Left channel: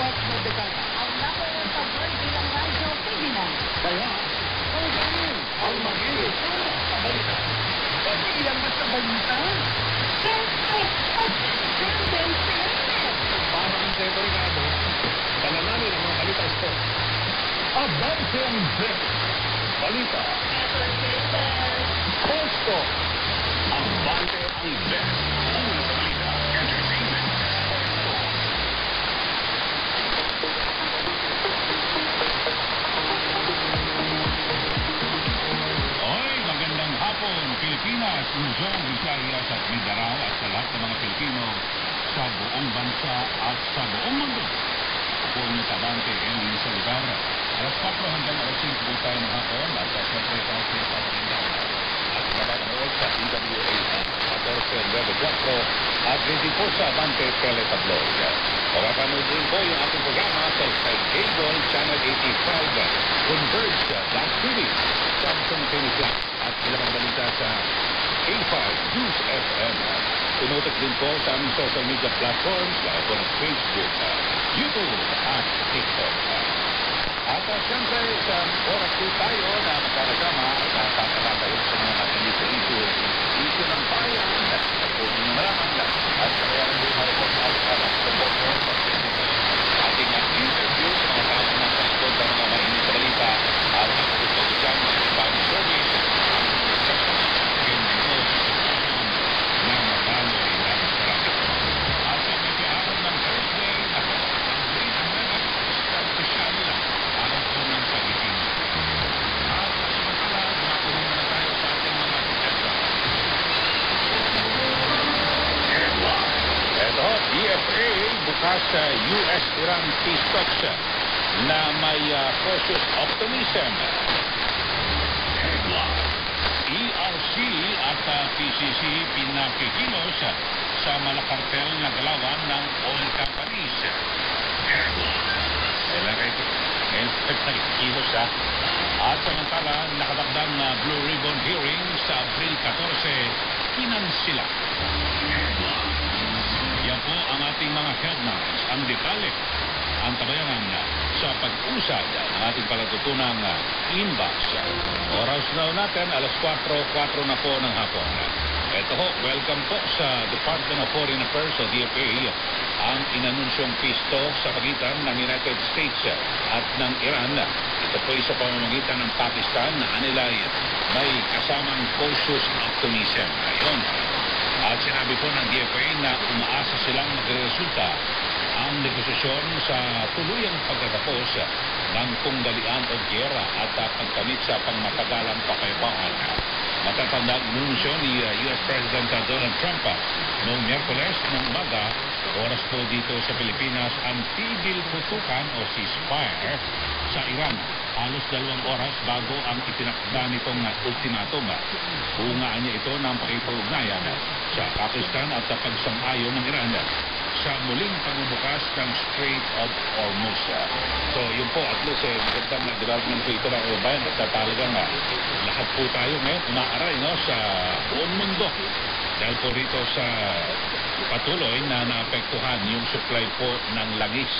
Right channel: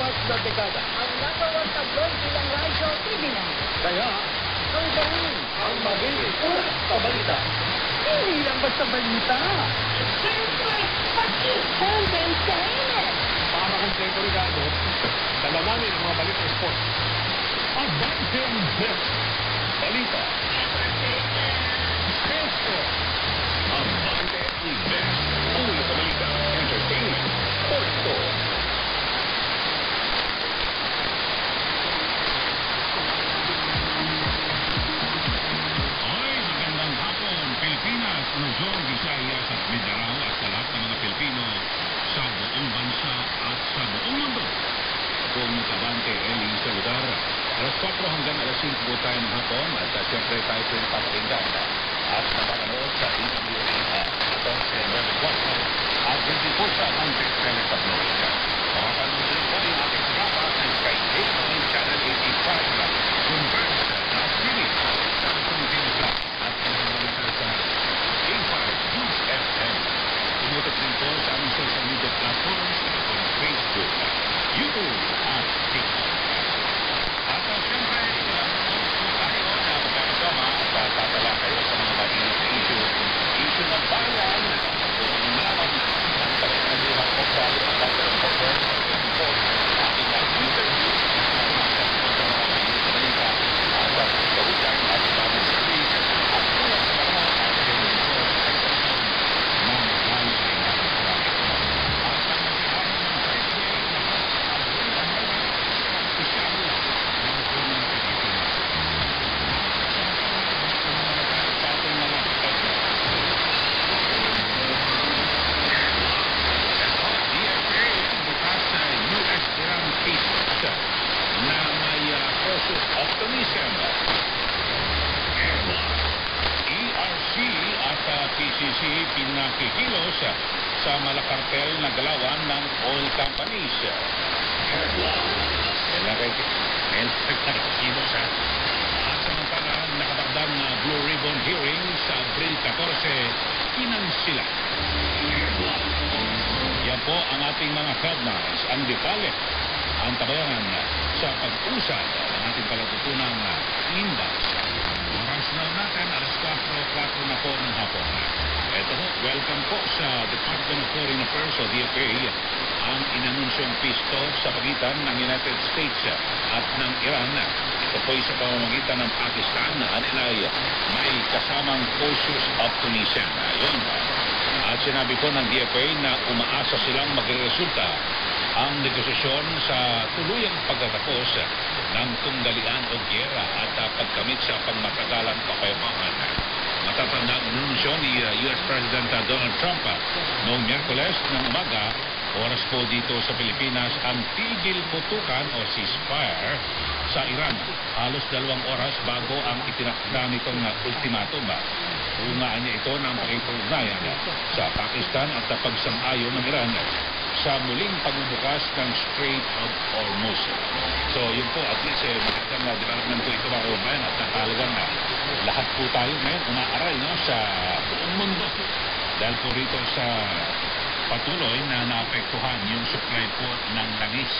na dekada. Ang number one tabloid bilang radyo, TV9. Kaya, kami pa rin ang magiging una sa balita. Hindi lang basta balita. Siyempre, entertainment. Para kumpleto Ricardo, dala namin ang mga balitang sports. Abante ang best. Balita. Entertainment. Sports Talk. Abante ang best. Una sa balita, entertainment, sports talk. Oy, magandang hapon, Pilipinas, Luzon, Visayas at Mindanao at sa lahat ng mga Pilipino sa buong bansa at sa buong mundo. Ako ang Abante, Eling sa lugar. Alas 4 hanggang alas 5 po tayo ng hapon at siyempre tayo po napapakinggan at napapanood sa DWAR 1494 at 24 sa Abante Teletabloid. Mapapanood rin po yung ating programa sa Cable Channel 85, Converge, Flash TV, Samsung TV Flat at ilang balita sa K5 News FM. Tumutok din po sa aming social media platforms gaya po ng Facebook, YouTube at TikTok. At siyempre, isang oras po tayo ng kasama at pagkakaroon sa mga issue ng bayan kung maraming lang at kapanaluan sa pagkakaroon ito ating interview sa kasama ng ibang sa balita at pagkakaroon at public service at sa mga ating din po sa sitwasyon na madaloy ng trafiko. At pag nag-aaral ng Thursday, ako, ang Green Umbrella, isang opisyal araw po ng Pilipinas. At samantala, makinig naman tayo sa ating mga headlines. Ito, USA bukas sa US-Iran peace talks na may cautious optimism. ERC at PCC pinakikilos sa malakartel na galawan ng oil companies. Nakikilos ha. At samantala, nakadagdag na Blue Ribbon hearing sa Abril 14, kinansila. Yan po ang ating mga headlines. Ang detalye, ang tabayanan sa pag-usad ng ating palatutunang inbox. Oras na natin, alas 4 na po ng hapon. Ito ho, welcome po sa Department of Foreign Affairs o DFA ang inanunsyong peace talk sa pagitan ng United States at ng Iran. Ito po ay sa pamamagitan ng Pakistan na anilay may kasamang cautious optimism. Ayun. At sinabi po ng DFA na umaasa silang magreresulta ang negosasyon sa tuluyang pagtatapos ng tunggalian o gyera at pagkamit sa pangmatagalang kapayapaan. Matatanda ang inunsyo ni US President Donald Trump noong Miyerkules ng umaga, oras po dito sa Pilipinas, ang tigil putukan o ceasefire sa Iran. Halos 2 oras bago ang itinakda nitong ultimatum. Bungaan niya ito ng pakipag-ugnayan sa Pakistan at pagsang-ayon ng Iran sa muling pagbubukas ng Strait of Hormuz. So yun po, at least magandang development po ito mga kababayan at talagang lahat po tayo ngayon umaaray sa buong mundo dahil po rito sa patuloy na naapektuhan yung supply po ng langis.